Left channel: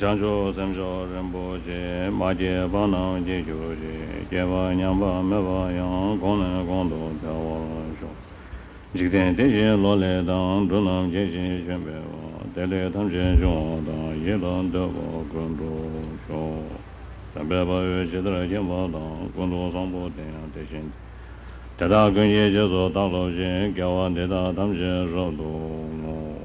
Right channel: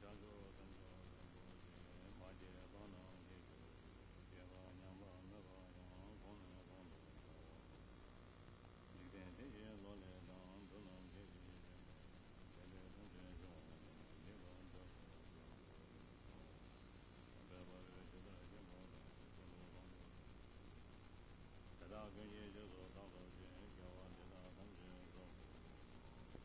Janjo Zemjo Remboje, Maje Banam Jejoje, Jeva Nyamba Meva Yang, Gonen Gondo Piawa. Jigden Deje Lole Dan, Dunam Jeje Jembewa, Dele Tamje Jonda, Yedan Debo Gondo Sho. Tambeba Jedra Jemba Dan, Gondo Sambo Deyan Dejen. Tada Gunye Jezo Dalo Jen, Gawa Deda Tamje Rodo.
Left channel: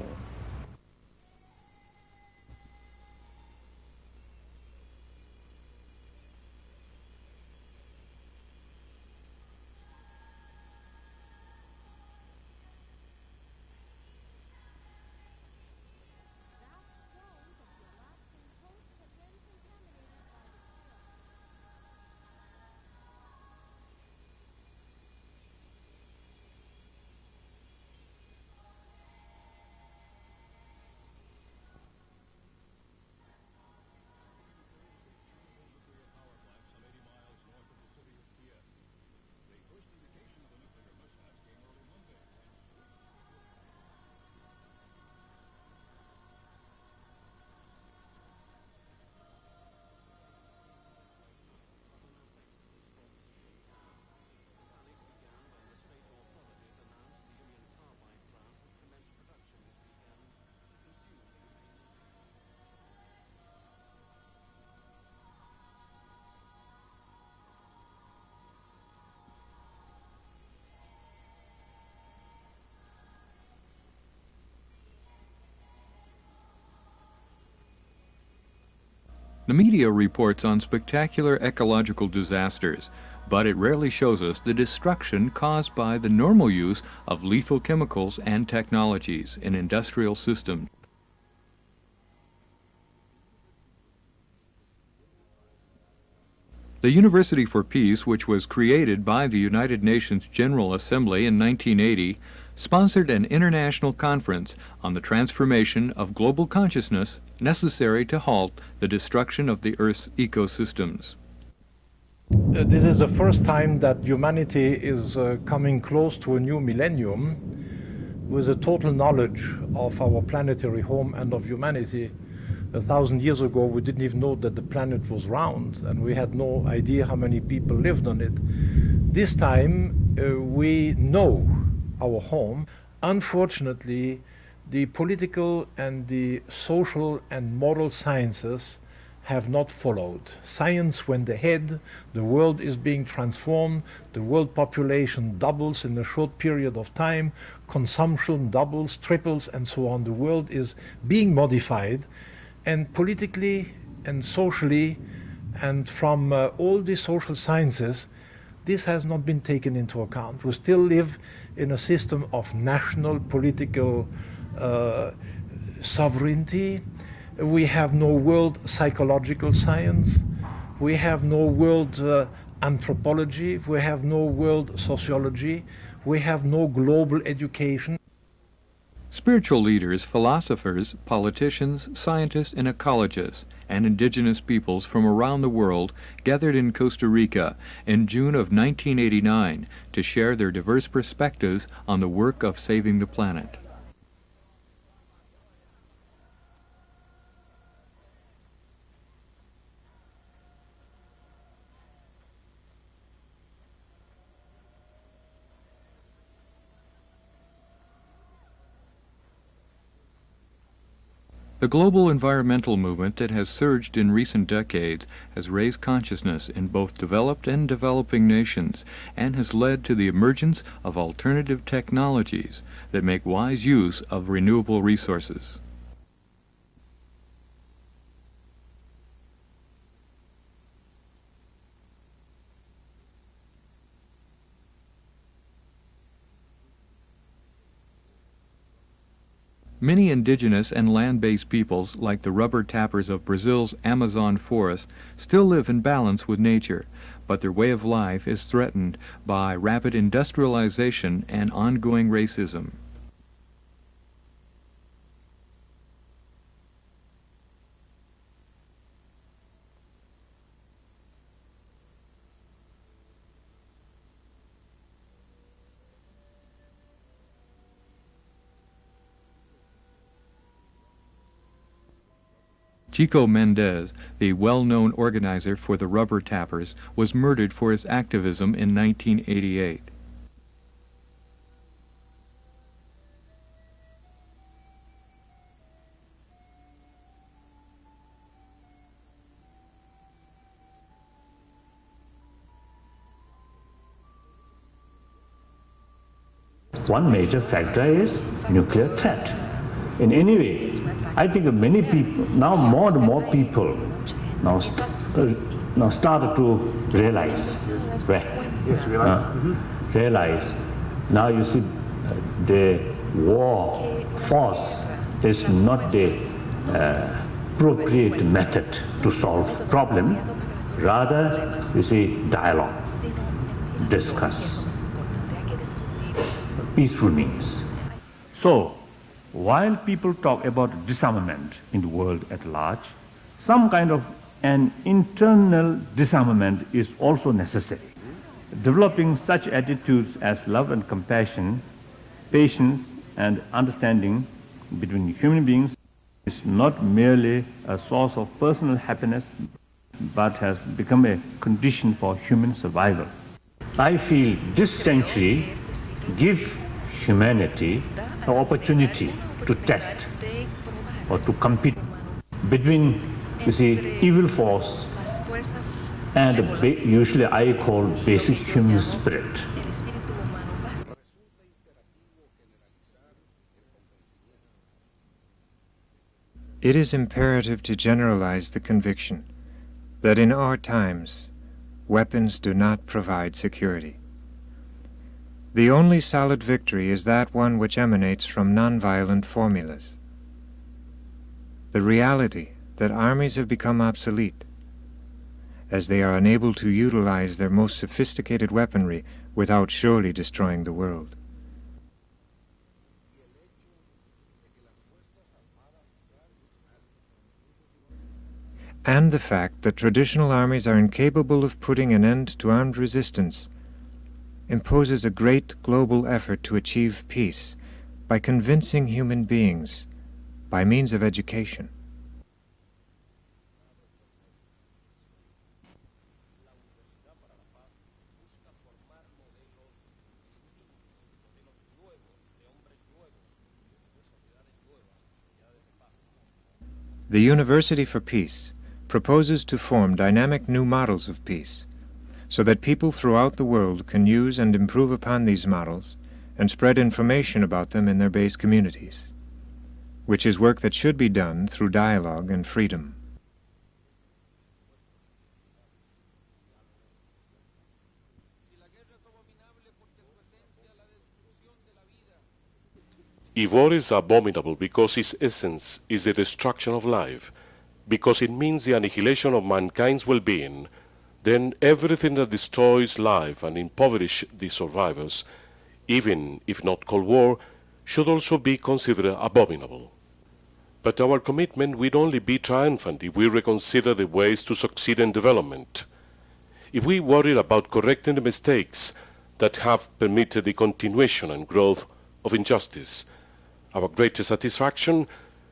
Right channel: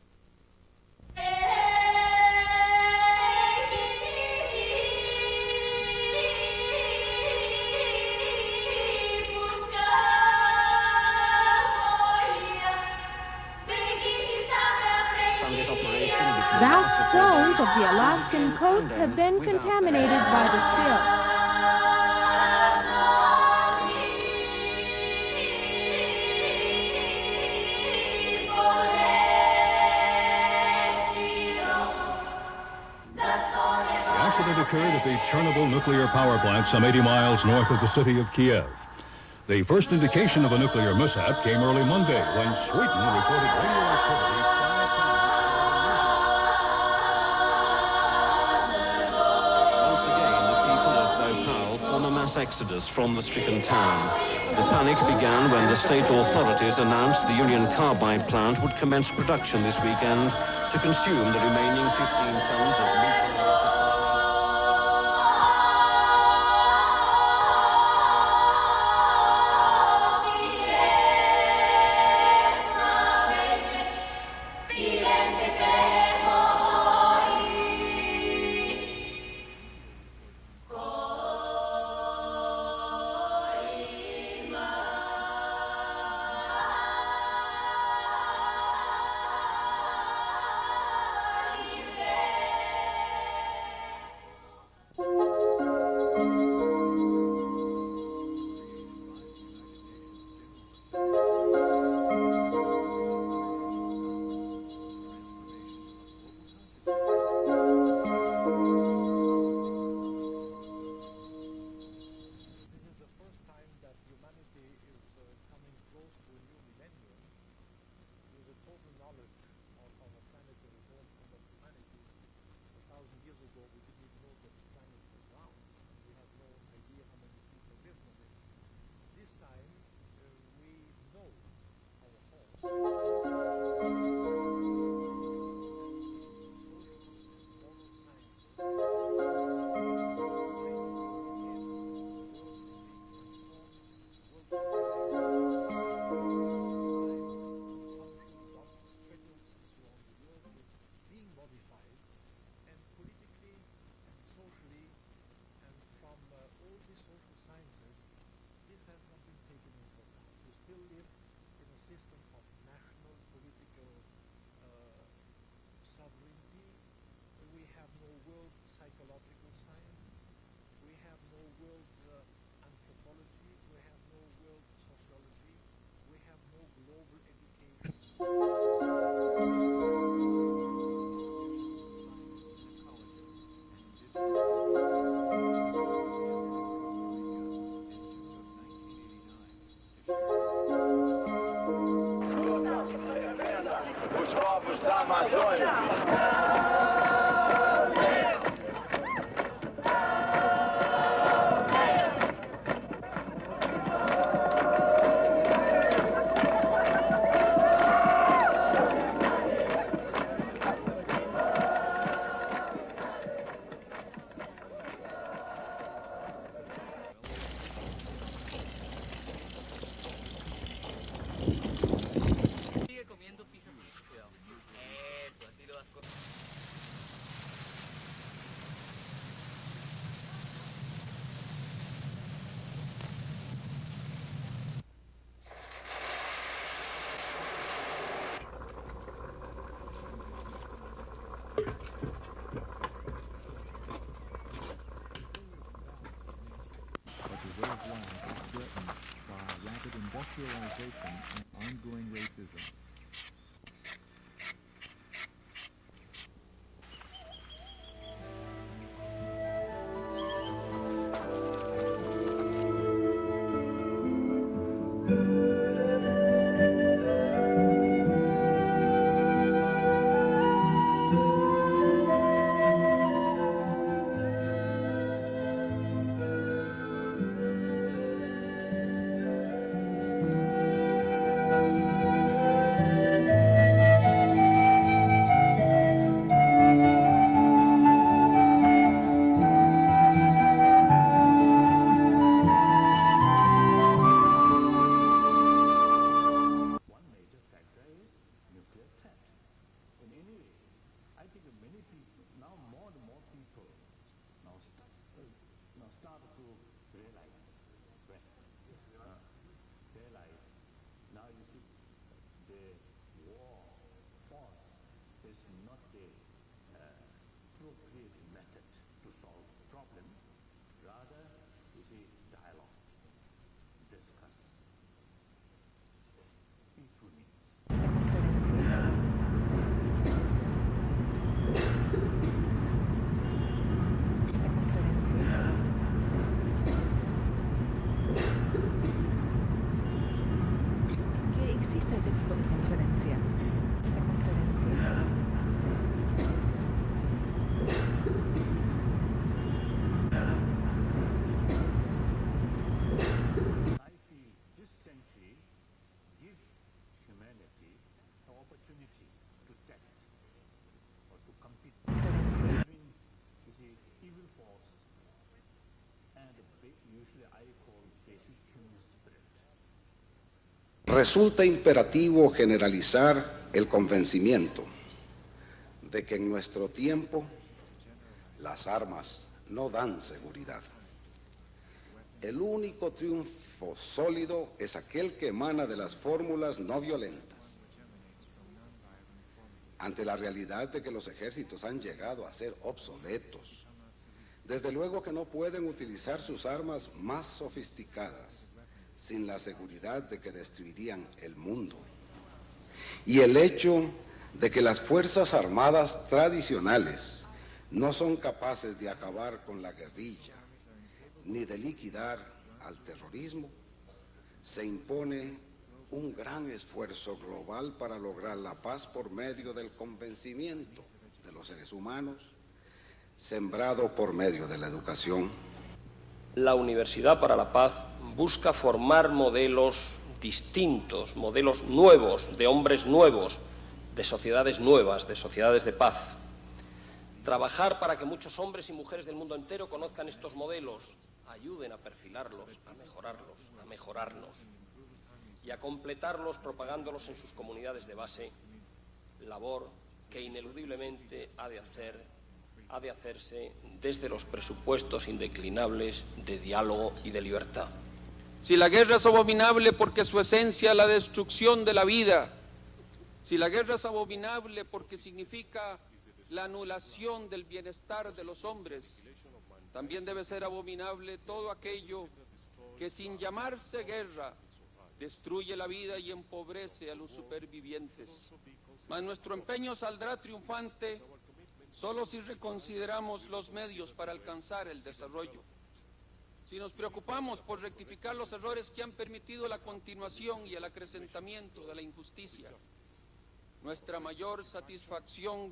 Vast zones of the Alaskan coast have been contaminated by the spill. The accident occurred at the Chernobyl nuclear power plant some 80 miles north of the city of Kiev. The first indication of a nuclear mishap came early Monday when Sweden reported radioactivity 5 times. Once again, the people of Bhopal form a mass exodus from the stricken town. The panic began when the state authorities announced the Union Carbide plant would commence production this weekend to consume the remaining 15 tons of lethal necessary. The media reports on spectacular ecological disasters, but it rarely shows us the destruction caused by the normal use of lethal chemicals and technologies in industrial systems. The University for Peace, which was created by the United Nations General Assembly in 1980, sponsored an international conference on the transformation of global consciousness necessary to halt the destruction of the Earth's ecosystems. This is the first time that humanity is coming close to a new millennium with a total knowledge of our planetary home and of humanity. 1,000 years ago, we didn't even know that the planet was round, and we had no idea how many people lived on it. This time, we know our home. Unfortunately, the political and the social and moral sciences have not followed. Science went ahead, the world is being transformed, the world population doubles in a short period of time, consumption doubles, triples, and so on. The world is being modified, and politically and socially and from all the social sciences, this has not been taken into account. We still live in a system of national political sovereignty. We have no world psychological science. We have no world anthropology. We have no world sociology. We have no global education. Spiritual leaders, philosophers, politicians, scientists, and ecologists, and indigenous peoples from around the world gathered in Costa Rica in June of 1989 to share their diverse perspectives on the work of saving the planet. The global environmental movement that has surged in recent decades has raised consciousness in both developed and developing nations and has led to the emergence of alternative technologies that make wise use of renewable resources. Many indigenous and land-based peoples, like the rubber tappers of Brazil's Amazon forest, still live in balance with nature, but their way of life is threatened by rapid industrialization and ongoing racism. Chico Mendez, the well-known organizer for the rubber tappers, was murdered for his activism in 1988. One major factor is nuclear threat. In any way, I think many people, now more and more people now started to realize, realize. Now you see the war force is not the appropriate method to solve problem. Rather, you see, dialogue, discuss, peaceful means. So, while people talk about disarmament in the world at large, some kind of an internal disarmament is also necessary. Developing such attitudes as love and compassion, patience and understanding between human beings is not merely a source of personal happiness, but has become a condition for human survival. I feel this century gives humanity an opportunity to test or to compete between, you see, evil force and usually I call basic human spirit. Resulta imperativo generalizar el convencimiento de que en nuestro It is imperative to generalize the conviction that in our times, weapons do not provide security. The only solid victory is that one which emanates from nonviolent formulas. The reality that armies have become obsolete, as they are unable to utilize their most sophisticated weaponry without surely destroying the world. Y el hecho de que las fuerzas armadas tradicionales and the fact that traditional armies are incapable of putting an end to armed resistance imposes a great global effort to achieve peace by convincing human beings by means of education. La Universidad para la Paz busca formar modelos distintos, modelos nuevos, de hombres nuevos, de sociedades nuevas, de sociedades de paz. The University for Peace proposes to form dynamic new models of peace, so that people throughout the world can use and improve upon these models and spread information about them in their base communities, which is work that should be done through dialogue and freedom. Si la guerra es abominable porque su esencia es la destrucción de la vida. If war is abominable because its essence is the destruction of life, because it means the annihilation of mankind's well-being, then everything that destroys life and impoverishes the survivors, even if not called war, should also be considered abominable. But our commitment will only be triumphant if we reconsider the ways to succeed in development. If we worry about correcting the mistakes that have permitted the continuation and growth of injustice, our greatest satisfaction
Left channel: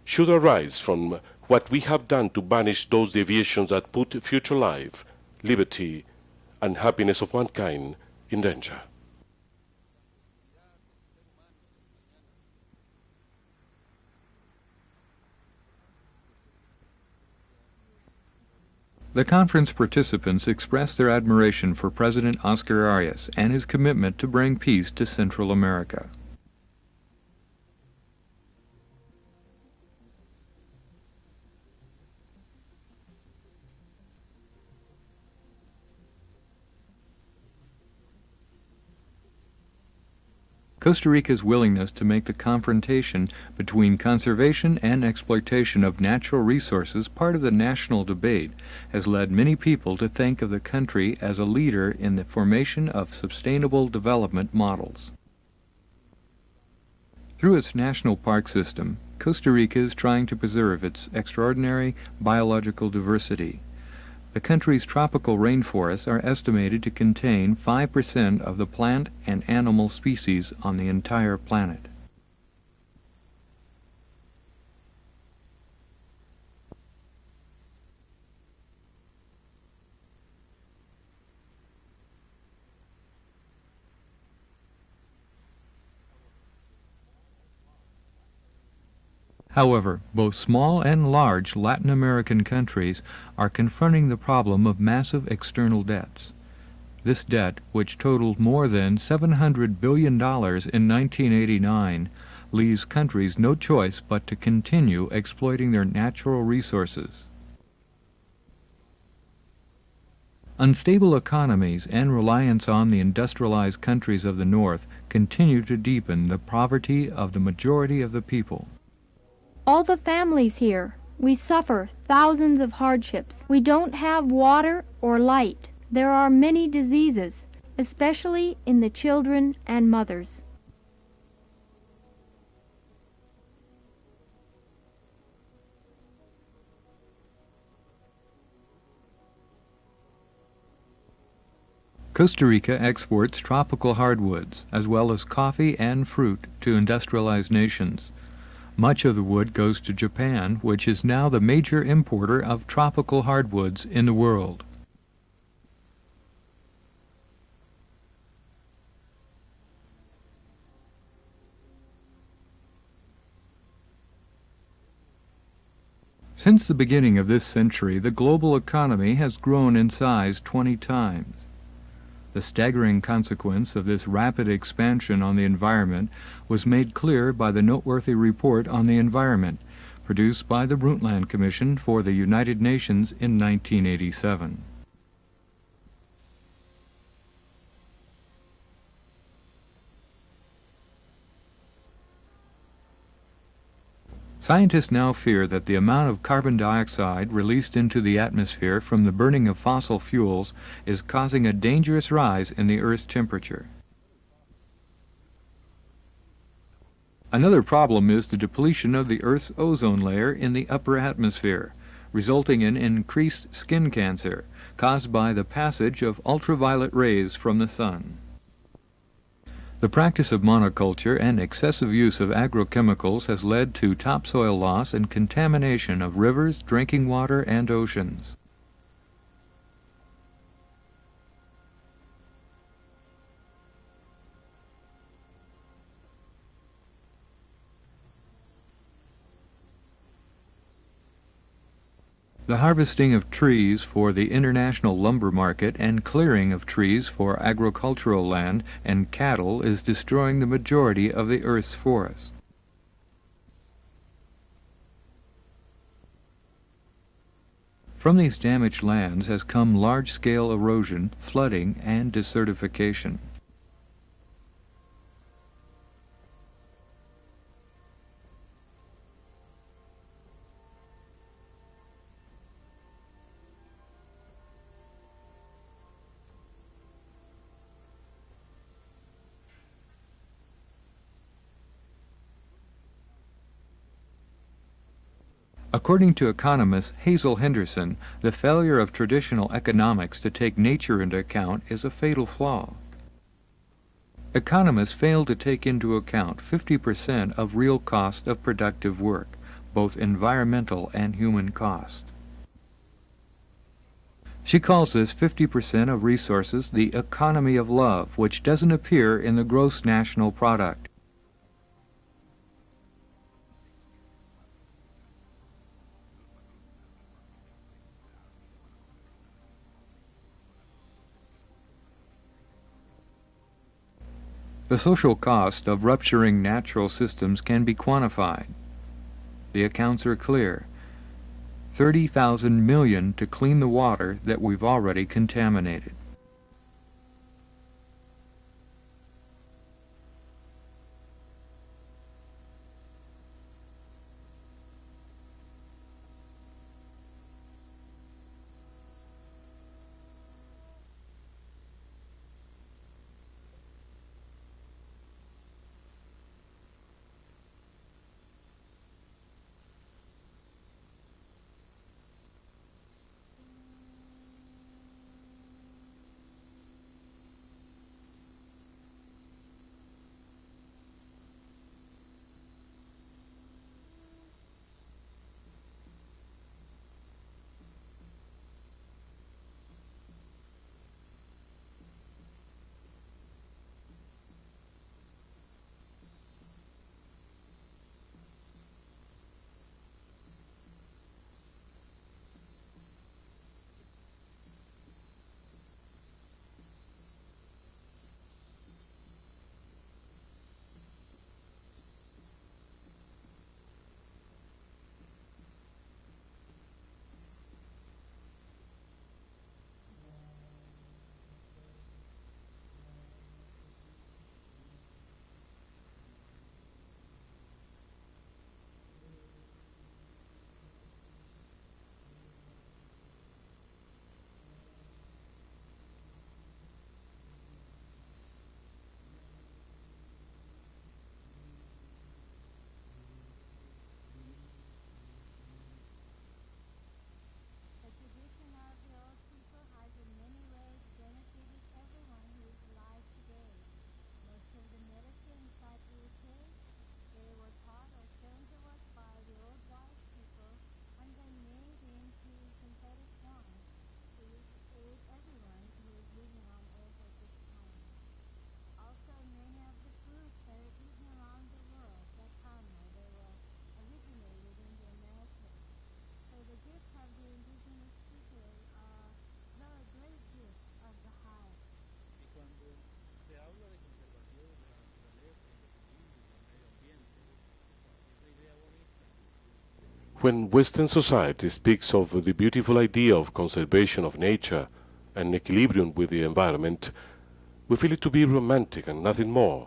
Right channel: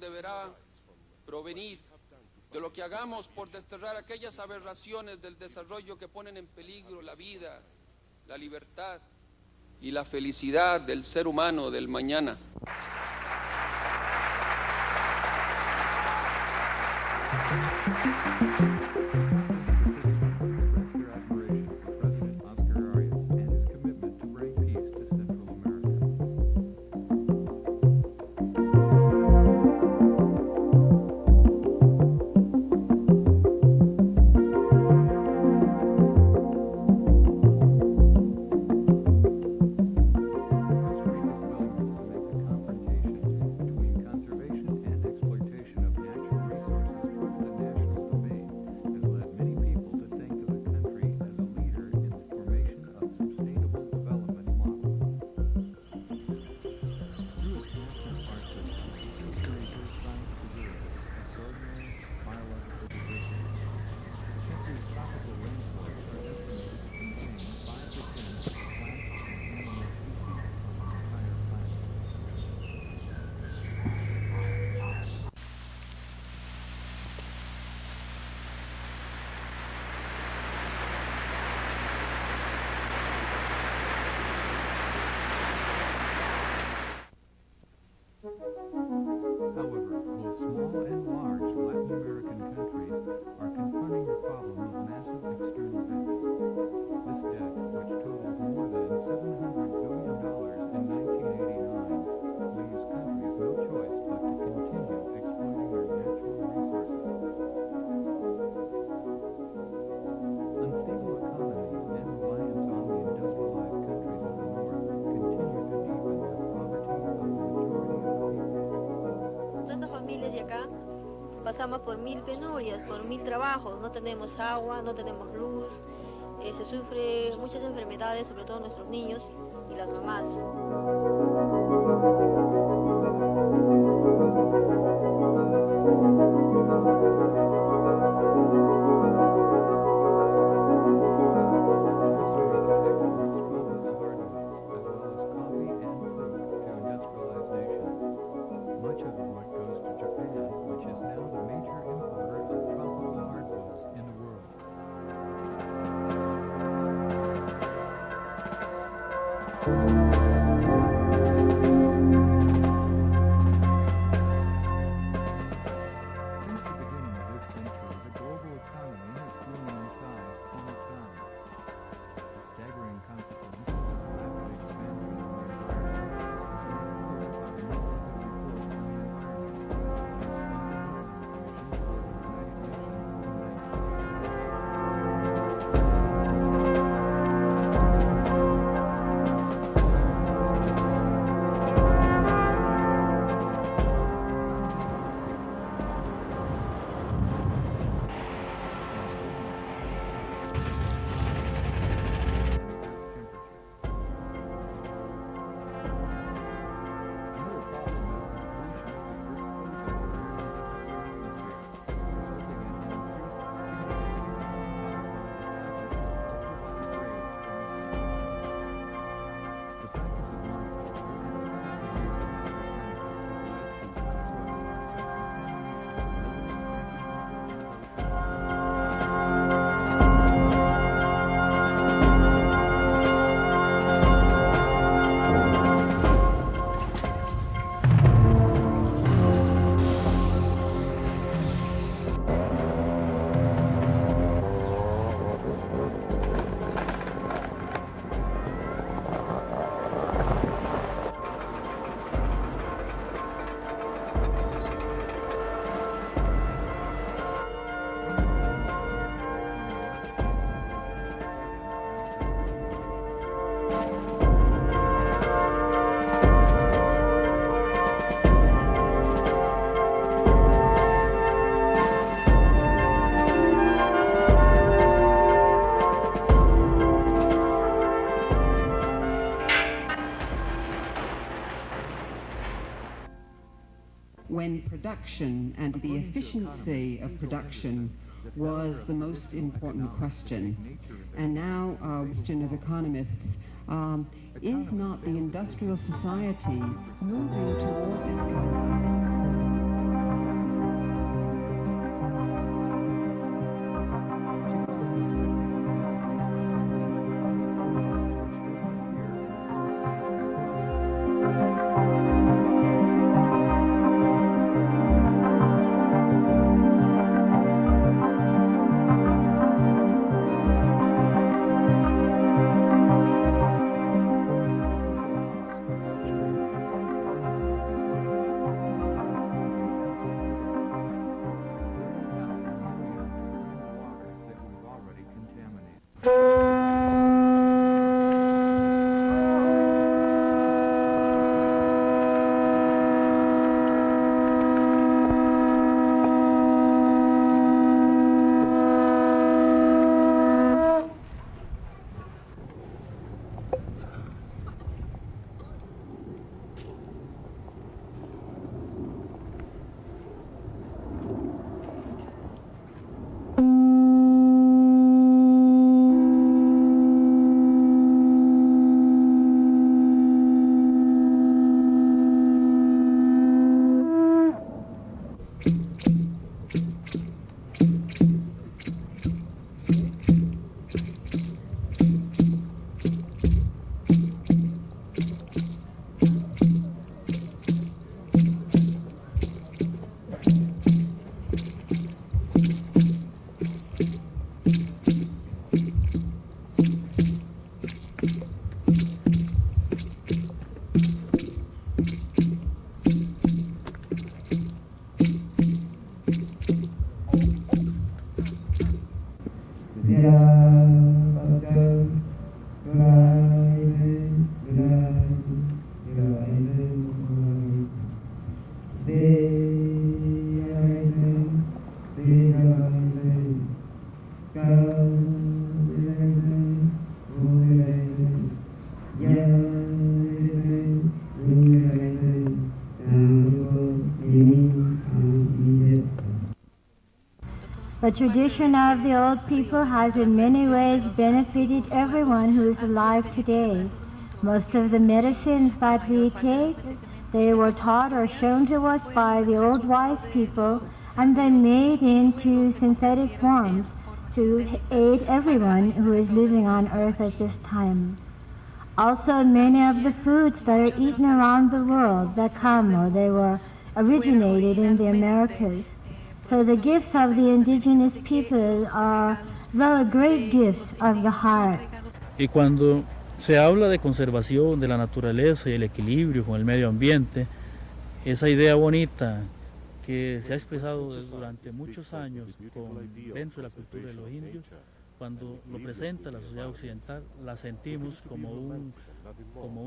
should arise from what we have done to banish those deviations that put future life, liberty, and happiness of mankind in danger. Y la felicidad del ser humano del mañana. The conference participants expressed their admiration for President Oscar Arias and his commitment to bring peace to Central America. Costa Rica's willingness to make the confrontation between conservation and exploitation of natural resources part of the national debate has led many people to think of the country as a leader in the formation of sustainable development models. Through its national park system, Costa Rica is trying to preserve its extraordinary biological diversity. The country's tropical rainforests are estimated to contain 5% of the plant and animal species on the entire planet. However, both small and large Latin American countries are confronting the problem of massive external debts. This debt, which totaled more than $700 billion in 1989, leaves countries no choice but to continue exploiting their natural resources. Unstable economies and reliance on the industrialized countries of the North continue to deepen the poverty of the majority of the people. All the families here, we suffer thousands of hardships. We don't have water or light. There are many diseases, especially in the children and mothers. Costa Rica exports tropical hardwoods, as well as coffee and fruit, to industrialized nations. Much of the wood goes to Japan, which is now the major importer of tropical hardwoods in the world. Since the beginning of this century, the global economy has grown in size 20 times. The staggering consequence of this rapid expansion on the environment was made clear by the noteworthy report on the environment, produced by the Brundtland Commission for the United Nations in 1987. Scientists now fear that the amount of carbon dioxide released into the atmosphere from the burning of fossil fuels is causing a dangerous rise in the Earth's temperature. Another problem is the depletion of the Earth's ozone layer in the upper atmosphere, resulting in increased skin cancer caused by the passage of ultraviolet rays from the sun. The practice of monoculture and excessive use of agrochemicals has led to topsoil loss and contamination of rivers, drinking water, and oceans. The harvesting of trees for the international lumber market and clearing of trees for agricultural land and cattle is destroying the majority of the Earth's forests. From these damaged lands has come large-scale erosion, flooding, and desertification. According to economist Hazel Henderson, the failure of traditional economics to take nature into account is a fatal flaw. Economists fail to take into account 50% of real cost of productive work, both environmental and human cost. She calls this 50% of resources the economy of love, which doesn't appear in the gross national product. The social cost of rupturing natural systems can be quantified. The accounts are clear. 30,000 million to clean the water that we've already contaminated. tradition of the old people has in many ways benefited everyone who is alive today. Most of the medicines that we take, they were taught or shown to us by the old wise people and then made into synthetic forms to aid everyone who is living on earth at this time. Also, many of the foods that are eaten around the world that come, or they were originated in the Americas. So the gifts of the indigenous people are the great gifts of the heart. Y cuando se habla de conservación de la naturaleza y el equilibrio con el medio ambiente, esa idea bonita que When Western society speaks of the beautiful idea of conservation of nature and equilibrium with the environment, we feel it to be romantic and nothing more.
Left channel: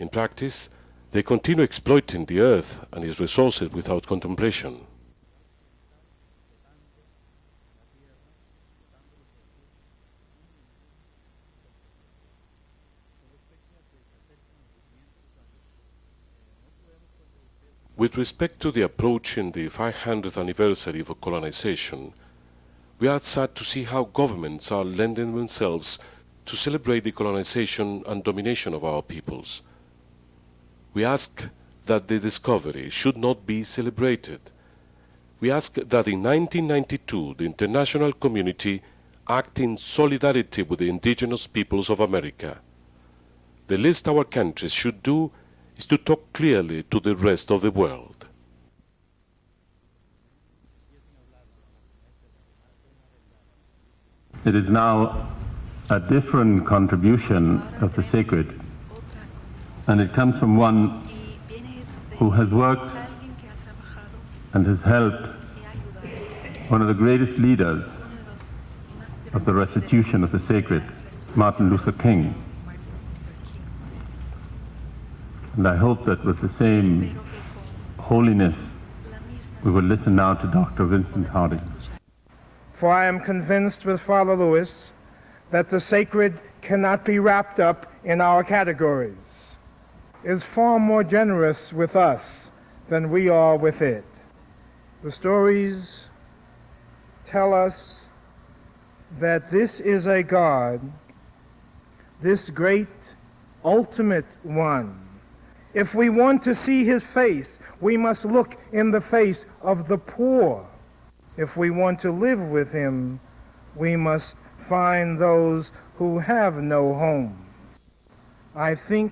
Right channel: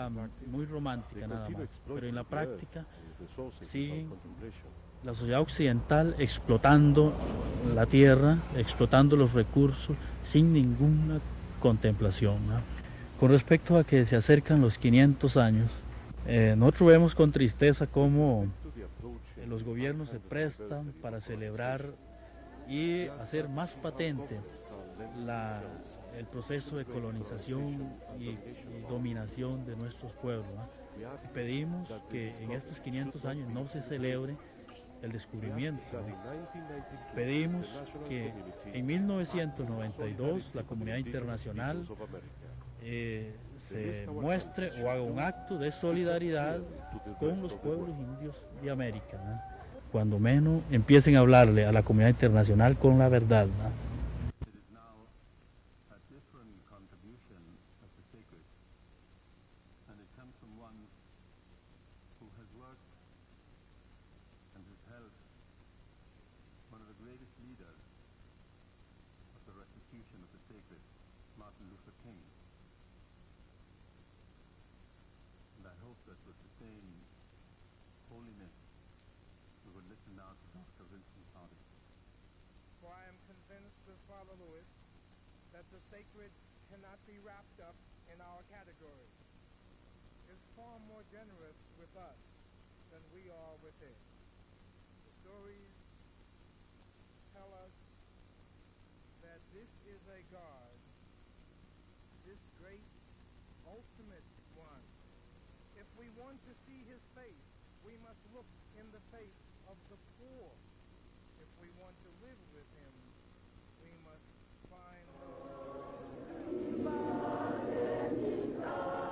In practice, they continue exploiting the earth and its resources without contemplation. La sociedad occidental explotando la tierra, explotando los recursos sin ninguna contemplación, ¿no? Con respecto a que se acercan los 500 años, nosotros vemos con tristeza cómo... With respect to the approaching the 500th anniversary of colonization, we are sad to see how governments are lending themselves to celebrate the colonization and domination of our peoples. We ask that the discovery should not be celebrated. We ask that in 1992 the international community act in solidarity with the indigenous peoples of America. The least our countries should do is to talk clearly to the rest of the world. Cuando menos empiecen a hablarle a la comunidad internacional con la verdad. It is now a different contribution of the sacred, and it comes from one who has worked and has helped one of the greatest leaders of the restitution of the sacred, Martin Luther King. And I hope that with the same holiness, we will listen now to Dr. Vincent Harding. For I am convinced with Father Lewis that the sacred cannot be wrapped up in our categories. It is far more generous with us than we are with it. The stories tell us that this is a God, this great ultimate one. If we want to see his face, we must look in the face of the poor. If we want to live with him, we must find those who have no homes. I think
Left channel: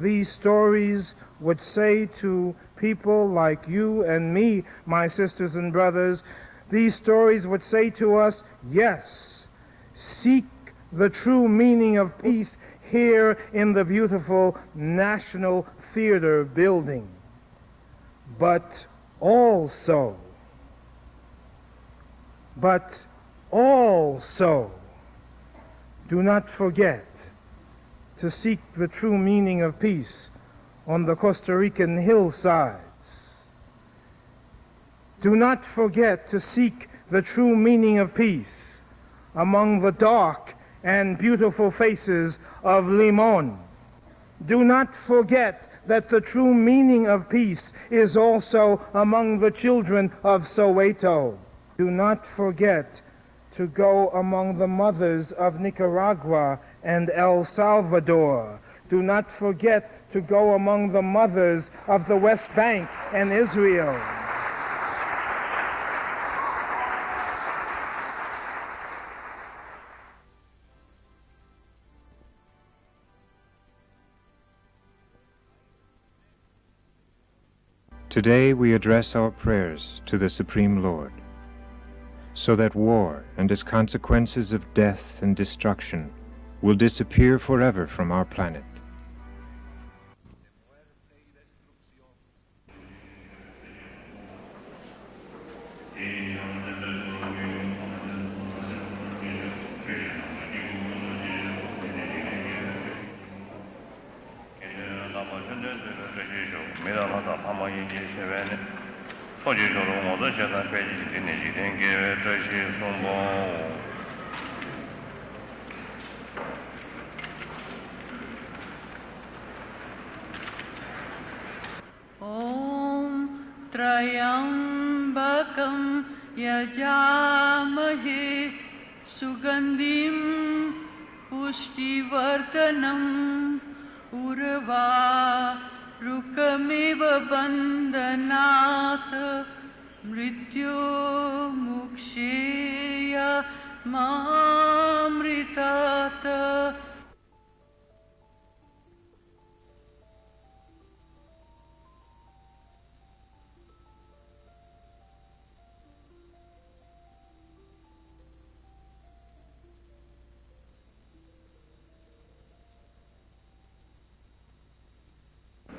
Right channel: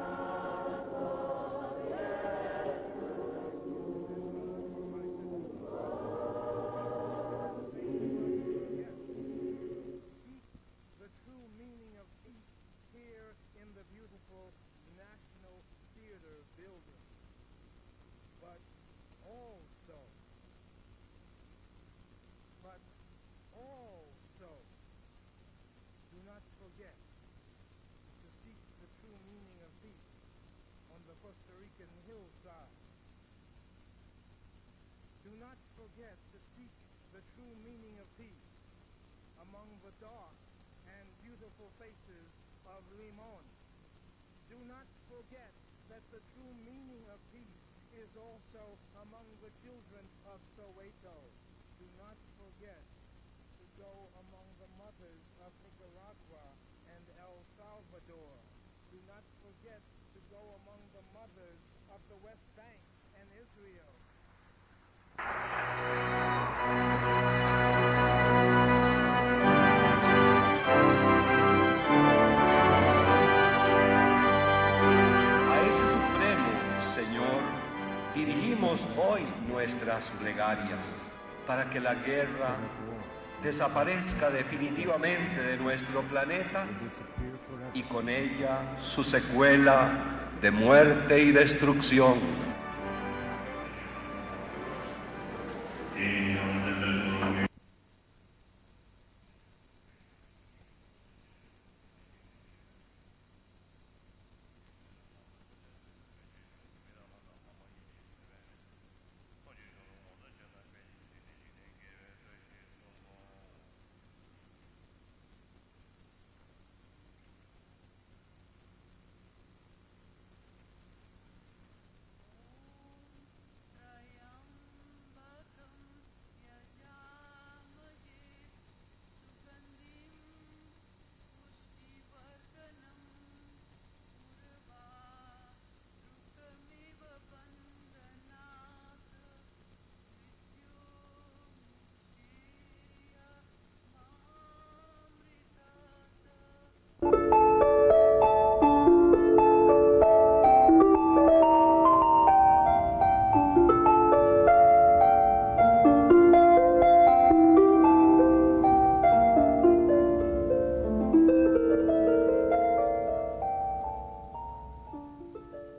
these stories would say to people like you and me, my sisters and brothers, these stories would say to us, yes, seek the true meaning of peace here in the beautiful National Theater building. But also, do not forget to seek the true meaning of peace on the Costa Rican hillsides. Do not forget to seek the true meaning of peace among the dark and beautiful faces of Limon. Do not forget that the true meaning of peace is also among the children of Soweto. Do not forget to go among the mothers of Nicaragua and El Salvador. Do not forget to go among the mothers of the West Bank and Israel. Today we address our prayers to the Supreme Lord, so that war and its consequences of death and destruction will disappear forever from our planet. Su secuela de muerte y destrucción. Om Trayambakam यजामहे सुगन्धिं पुष्टिवर्धनम् उर्वारुकमिव बन्धनात् मृत्युमुक्षेय मामृतात्.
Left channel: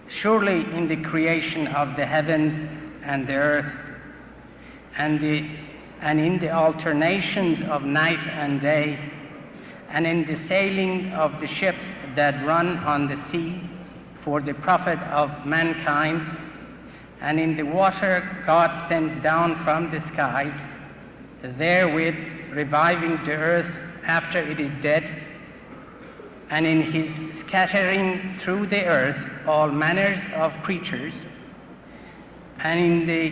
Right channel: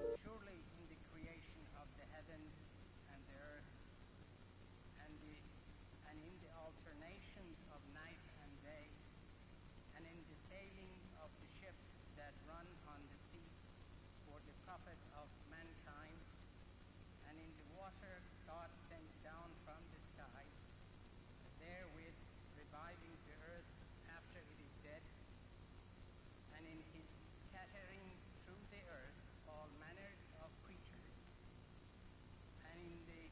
Surely in the creation of the heavens and the earth, and in the alternations of night and day, and in the sailing of the ships that run on the sea for the profit of mankind, and in the water God sends down from the skies, therewith reviving the earth after it is dead, and in his scattering through the earth all manners of creatures, and in the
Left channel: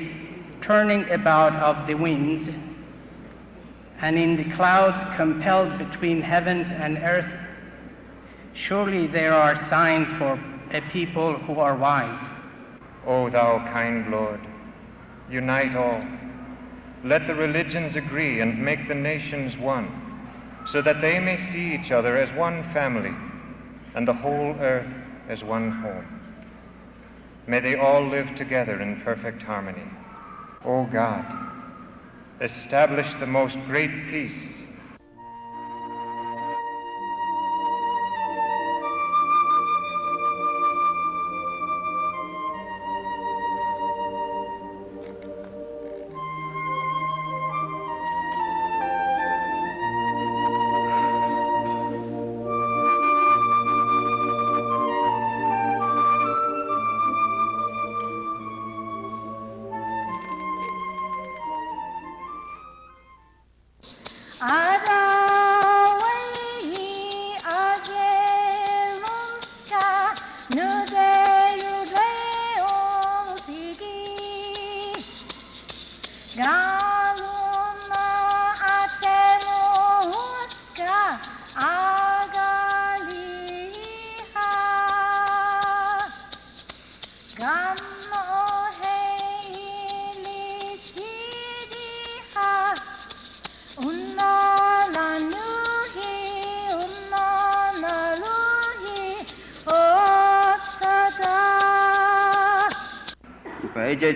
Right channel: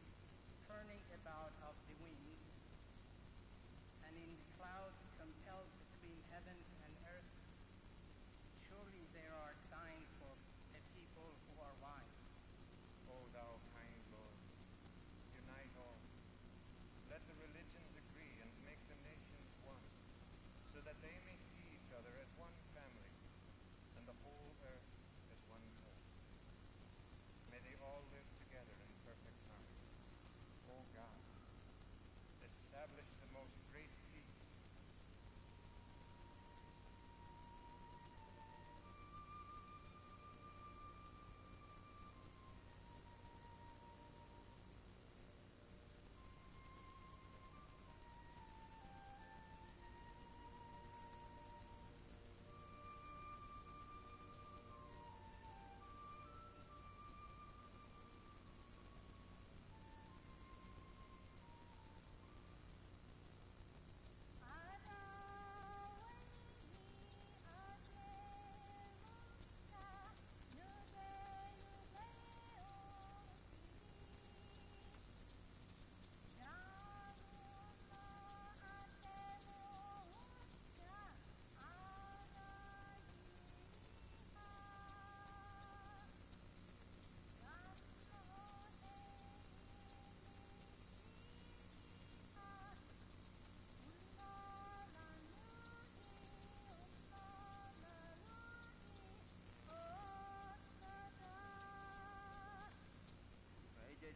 turning about of the winds, and in the clouds compelled between heavens and earth, surely there are signs for a people who are wise. O thou kind Lord, unite all. Let the religions agree and make the nations one, so that they may see each other as one family, and the whole earth as one home. May they all live together in perfect harmony. O God, establish the most great peace.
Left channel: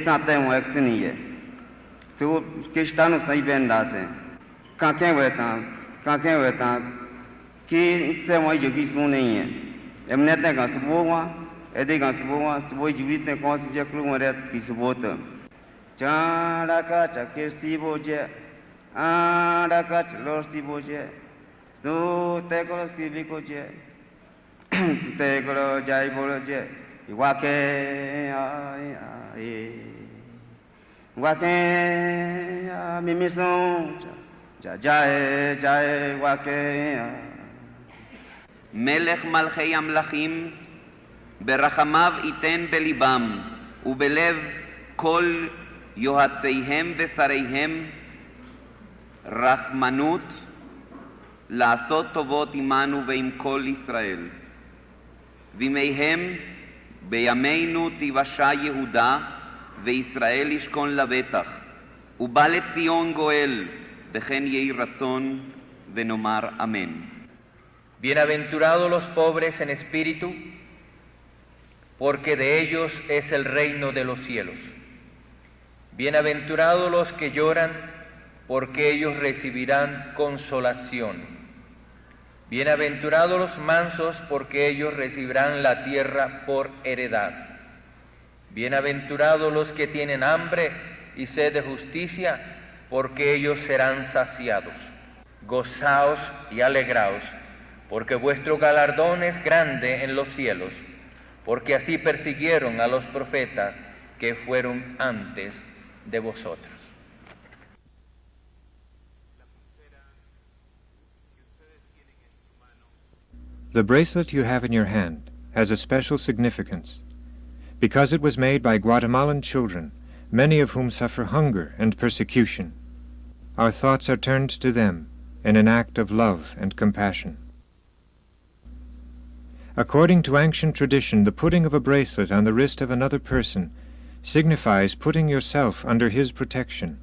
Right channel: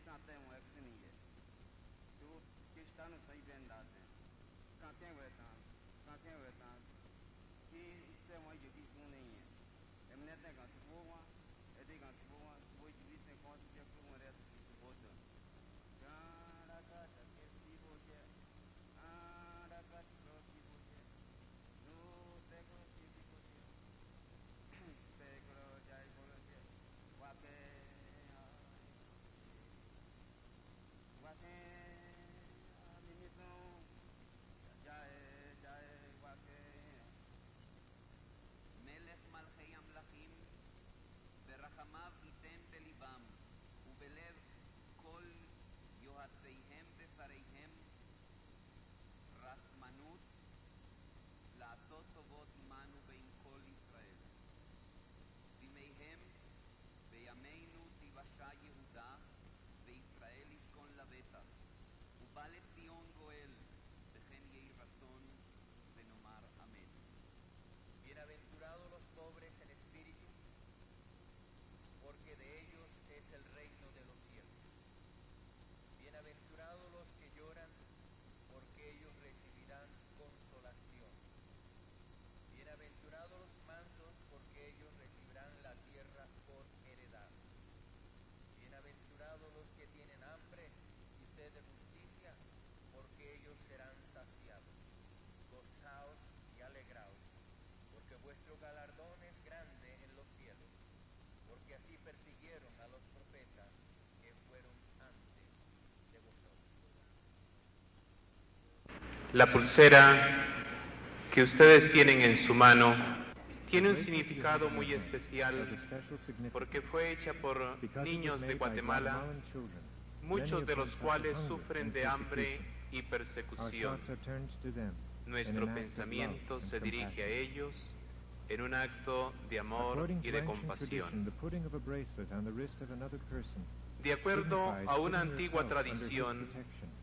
Something works in here. So, Kishtan Saibin does it. Can't wait on, Ki Samoy Yugisuni. Emneta on Suboa, Edik on Suboa, Suboy Juvita, Consider Klumaretsky Subota. Chandaka, Kirsi Boje, Andaka, Lorsi Boje, Sto Tekolos Kivikoje, Tekolo Jai Boloje, Iwake. Wake mimison jae jae wake מלך מלכי המלכים ברחמיו ייתן בליבם ובלב כל יועציהם ושריהם רחמנות לעשות טובות עמנו ועם כל ישראל וימיהם בימינו תיוושע יהודה וישראל ישכון לבטח, ובא לציון גואל, וכן יהי רצון ונאמר אמן. Bienaventurados los pobres en espíritu, porque de ellos es el reino de los cielos. Bienaventurados los que lloran, porque ellos recibirán consolación. Bienaventurados los mansos, porque ellos recibirán la tierra por heredad. Bienaventurados los que tienen hambre y sed de justicia, porque ellos serán saciados. Gozaos y alegraos, porque vuestro galardón es grande en los cielos, porque así persiguieron a los profetas que fueron antes de vosotros. La pulsera que ustedes tienen en su mano. The bracelet you have in your hand has a special significance because it was made by Guatemalan children, many of whom suffer hunger and persecution. our thoughts are turned to them in an act of love and compassion. According to ancient tradition, the putting of a bracelet on the wrist of another person signifies putting yourself under his protection.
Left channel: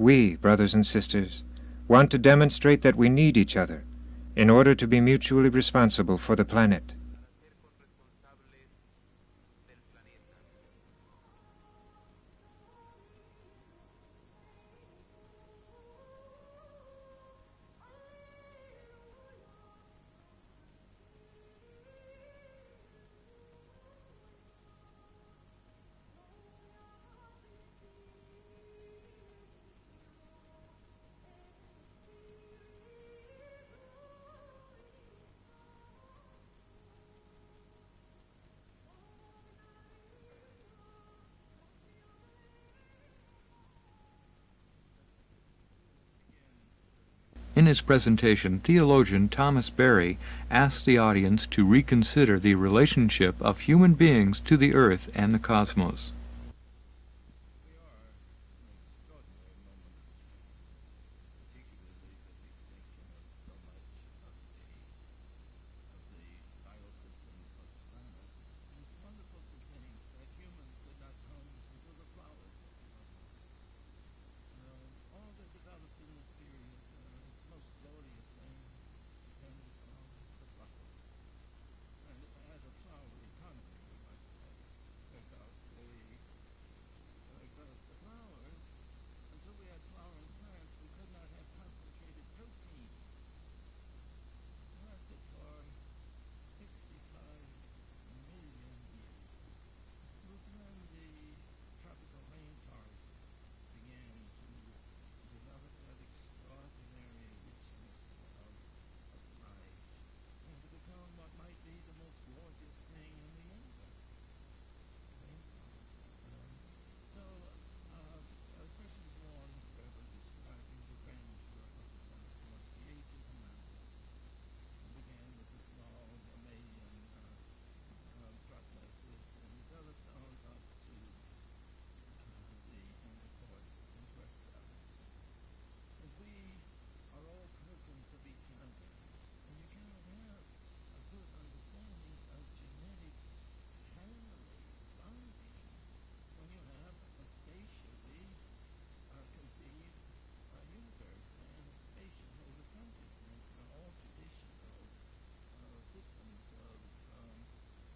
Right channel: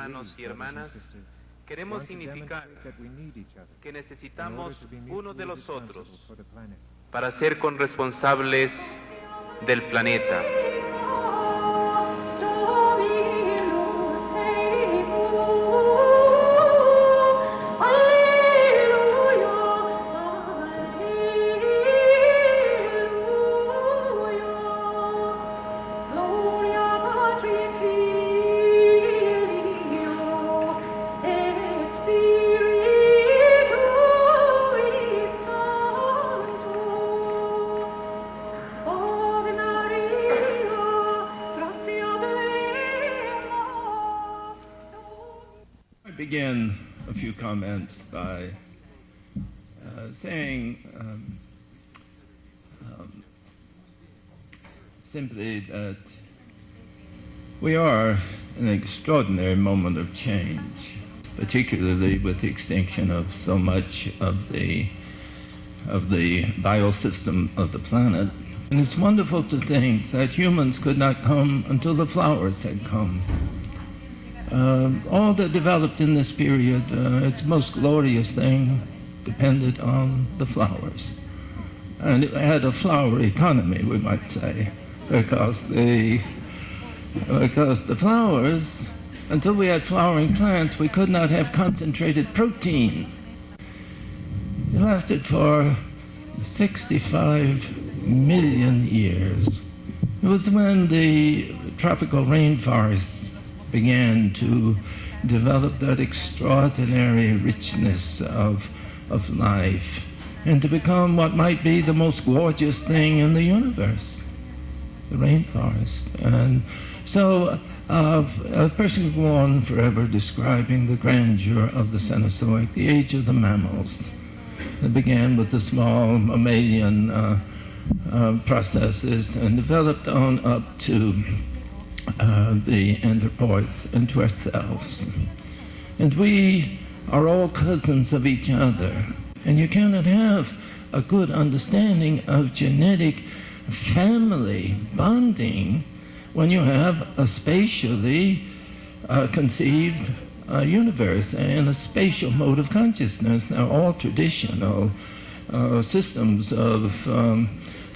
We, brothers and sisters, want to demonstrate that we need each other in order to be mutually responsible for the planet. Para ser corresponsables del planeta. In his presentation, theologian Thomas Berry asked the audience to reconsider the relationship of human beings to the earth and the cosmos. We are in an extraordinary moment of change, particularly with the extinction of so much of the biosystem of the planet. And it's wonderful to think that humans could not come until the flowers had come. All that developed in this period, its most glorious thing, depended on the flowers. And it had a flower economy, we might say, because the flowers, until we had flowering plants, we could not have concentrated protein. It lasted for 65 million years. It was when the tropical rainforests began to develop that extraordinary richness of life and to become what might be the most gorgeous thing in the universe, the rainforest. And so a person could go on forever describing the grandeur of the Cenozoic, the age of the mammals. It began with the small mammalian processes and developed on up to the anthropoids and to ourselves. And we are all cousins of each other. And you cannot have a good understanding of genetic family bonding when you have a spatially conceived universe and a spatial mode of consciousness. Now, all traditional systems of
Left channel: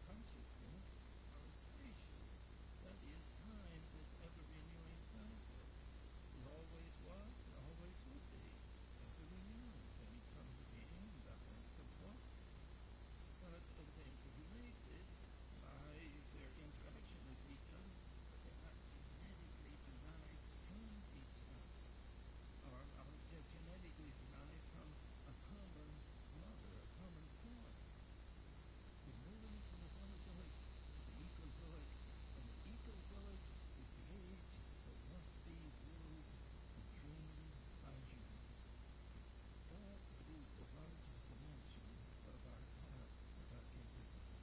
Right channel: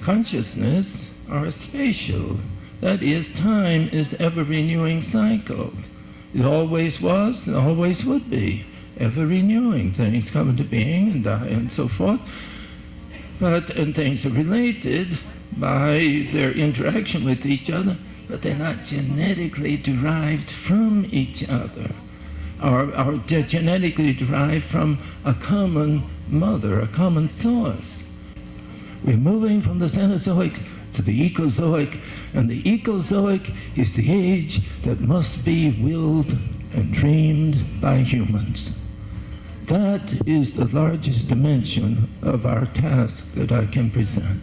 consciousness are spatial. That is, time is ever-renewing cycle. It always was and always would be. Ever-renewing. Things come into being and die and so forth. And things are related by their interaction with each other, but they're not genetically derived from each other. Or they're genetically derived from a common mother, a common source. We're moving from the Cenozoic to the Ecozoic, and the Ecozoic is the age that must be willed and dreamed by humans. That is the largest dimension of our task that I can present.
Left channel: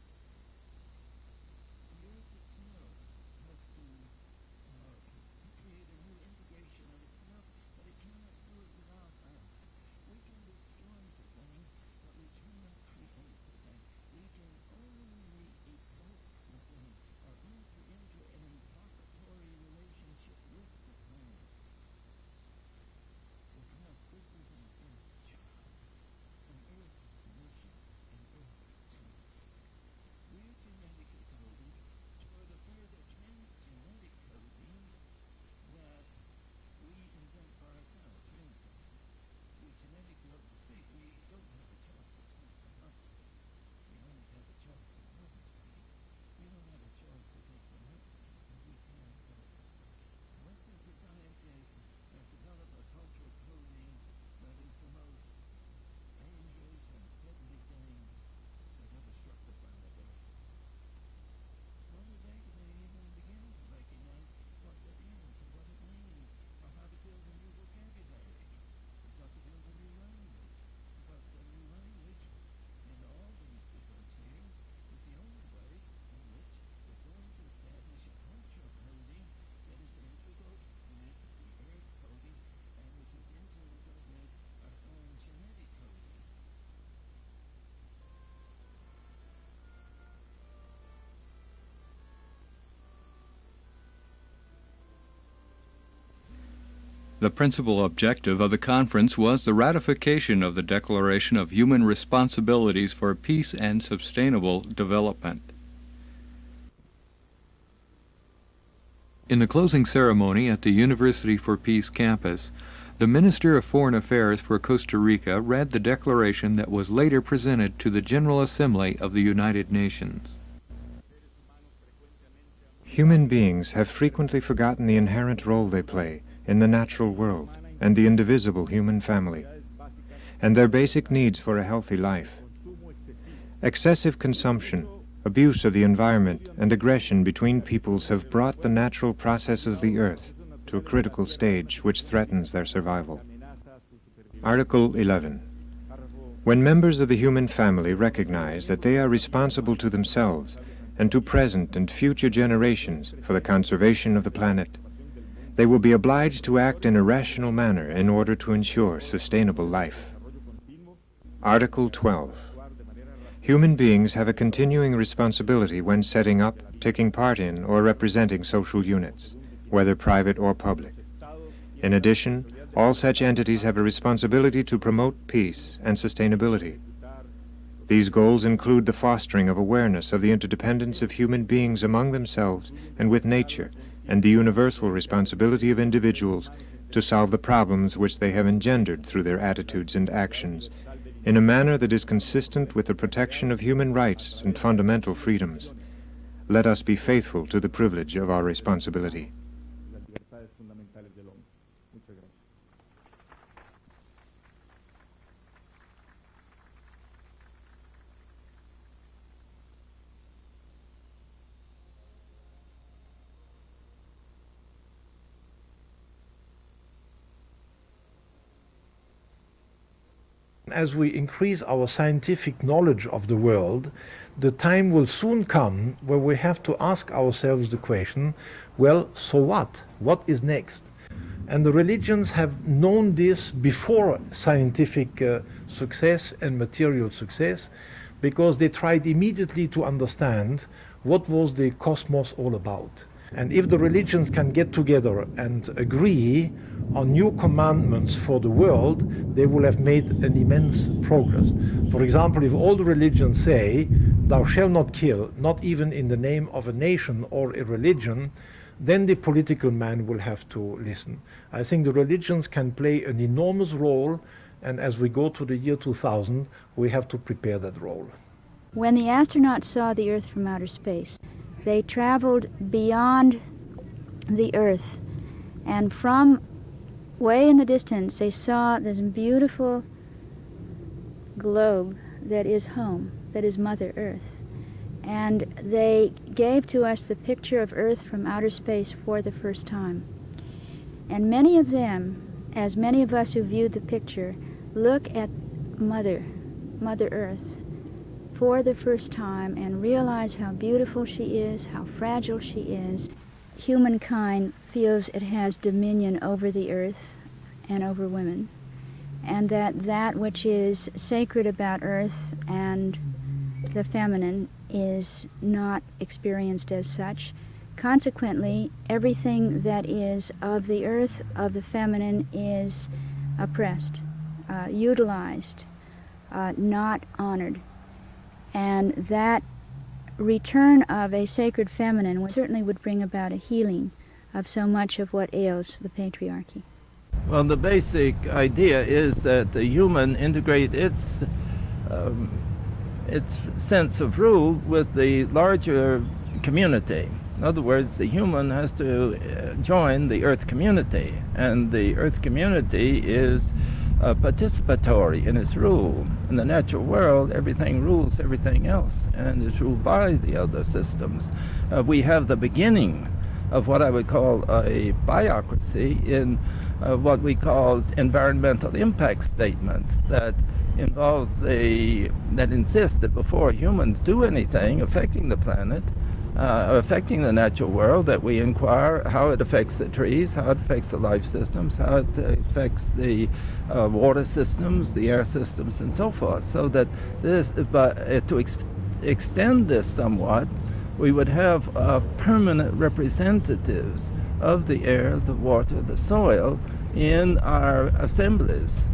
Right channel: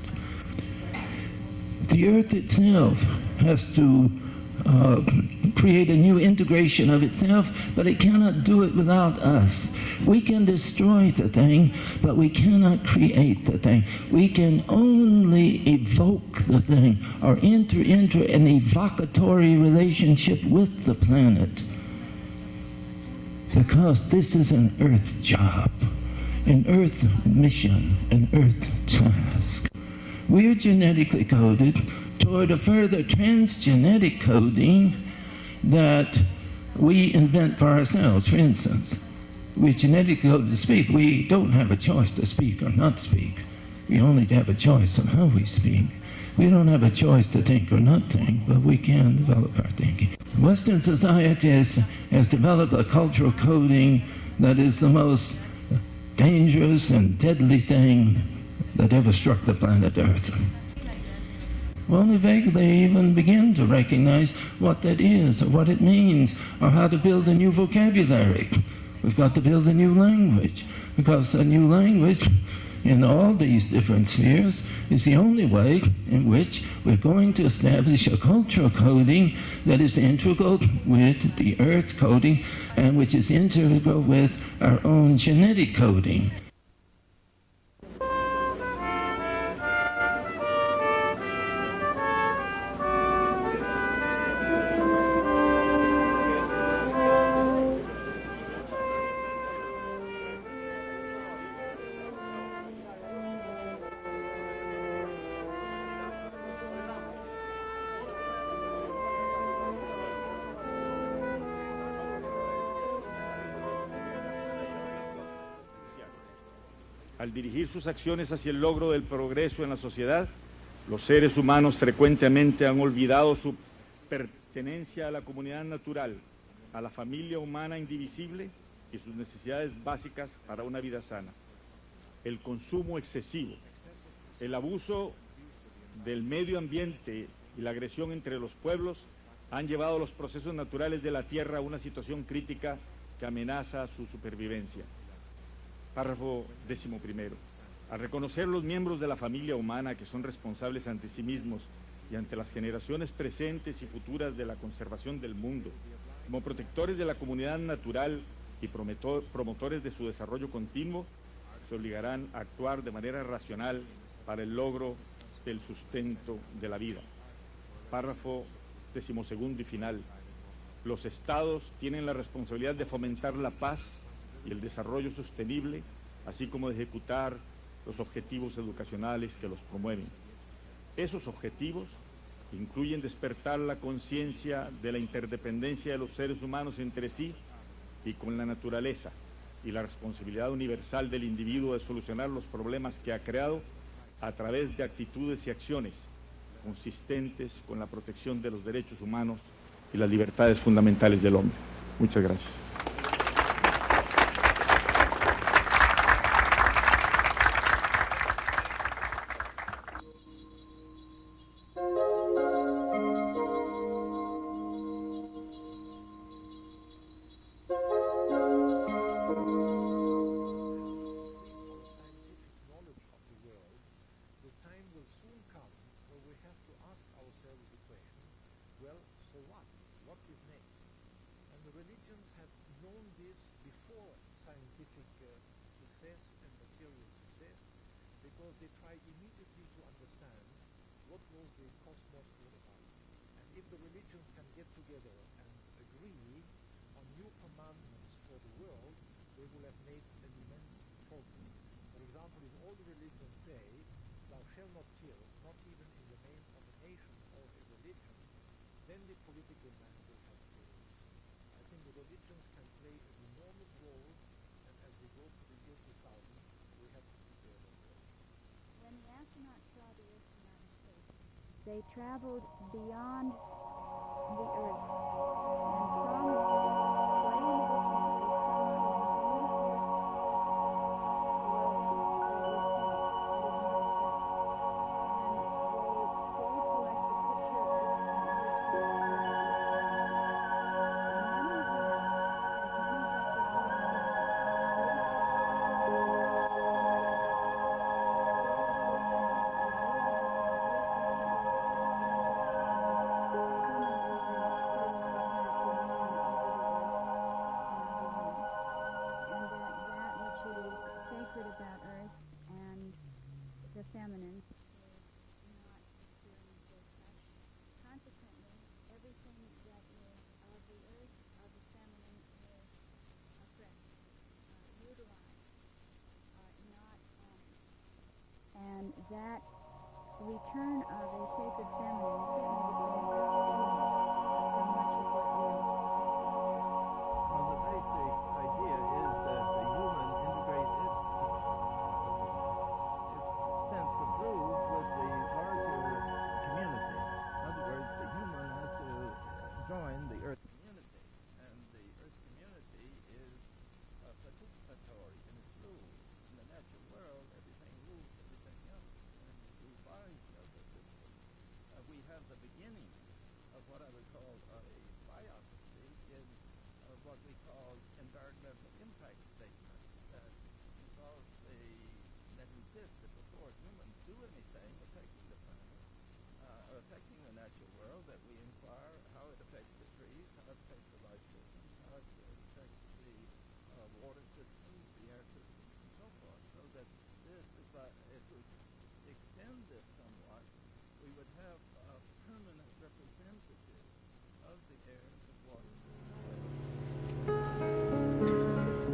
The Earth itself has to create a new integration of itself, but it cannot do it without us. We can destroy the thing, but we cannot create the thing. We can only evoke the thing or enter into an evocatory relationship with the planet, because this is an Earth job, an Earth mission, an Earth task. We are genetically coded toward a further transgenetic coding that we invent for ourselves. For instance, we're genetically coded to speak. We don't have a choice to speak or not speak. We only have a choice on how we speak. We don't have a choice to think or not think, but we can develop our thinking. Western society has developed a cultural coding that is the most dangerous and deadly thing that ever struck the planet Earth. We only vaguely even begin to recognize what that is, or what it means, or how to build a new vocabulary. We've got to build a new language, because a new language in all these different spheres is the only way in which we're going to establish a cultural coding that is integral with the earth coding and which is integral with our own genetic coding. The principal objective of the conference was the ratification of the Declaration of Human Responsibilities for Peace and Sustainable Development. In the closing ceremony at the University for Peace campus, the Minister of Foreign Affairs for Costa Rica read the declaration that was later presented to the General Assembly of the United Nations. Human beings have frequently forgotten the inherent role they play in the natural world and the indivisible human family, and their basic needs for a healthy life. Excessive consumption, abuse of the environment, and aggression between peoples have brought the natural process of the earth to a critical stage which threatens their survival. Article 11. When members of the human family recognize that they are responsible to themselves and to present and future generations for the conservation of the planet, they will be obliged to act in a rational manner in order to ensure sustainable life. Article 12. Human beings have a continuing responsibility when setting up, taking part in, or representing social units, whether private or public. In addition, all such entities have a responsibility to promote peace and sustainability. These goals include the fostering of awareness of the interdependence of human beings among themselves and with nature, and the universal responsibility of individuals to solve the problems which they have engendered through their attitudes and actions, in a manner that is consistent with the protection of human rights and fundamental freedoms. Let us be faithful to the privilege of our responsibility. As we increase our scientific knowledge of the world, the time will soon come where we have to ask ourselves the question, well, so what? What is next? And the religions have known this before scientific success and material success, because they tried immediately to understand what was the cosmos all about. And if the religions can get together and agree on new commandments for the world, they will have made an immense progress. For example, if all the religions say, thou shalt not kill, not even in the name of a nation or a religion, then the political man will have to listen. I think the religions can play an enormous role, and as we go to the year 2000, we have to prepare that role. When the astronauts saw the Earth from outer space, they traveled beyond the Earth, and from way in the distance they saw this beautiful globe that is home, that is Mother Earth. And they gave to us the picture of Earth from outer space for the first time. And many of them, as many of us who viewed the picture, look at Mother Earth for the first time and realize how beautiful she is, how fragile she is. Humankind feels it has dominion over the earth and over women, and that which is sacred about earth and the feminine is not experienced as such. Consequently, everything that is of the earth, of the feminine, is oppressed, utilized, not honored. And that return of a sacred feminine certainly would bring about a healing of so much of what ails the patriarchy. Well, the basic idea is that the human integrate its sense of rule with the larger community. In other words, the human has to join the earth community, and the earth community is participatory in its rule. In the natural world, everything rules everything else and is ruled by the other systems. We have the beginning of what I would call a biocracy in what we call environmental impact statements, that involves that insists that before humans do anything affecting the planet, affecting the natural world, that we inquire how it affects the trees, how it affects the life systems, how it affects the water systems, the air systems, and so forth. So that this, to extend this somewhat, we would have permanent representatives of the air, the water, the soil in our assemblies.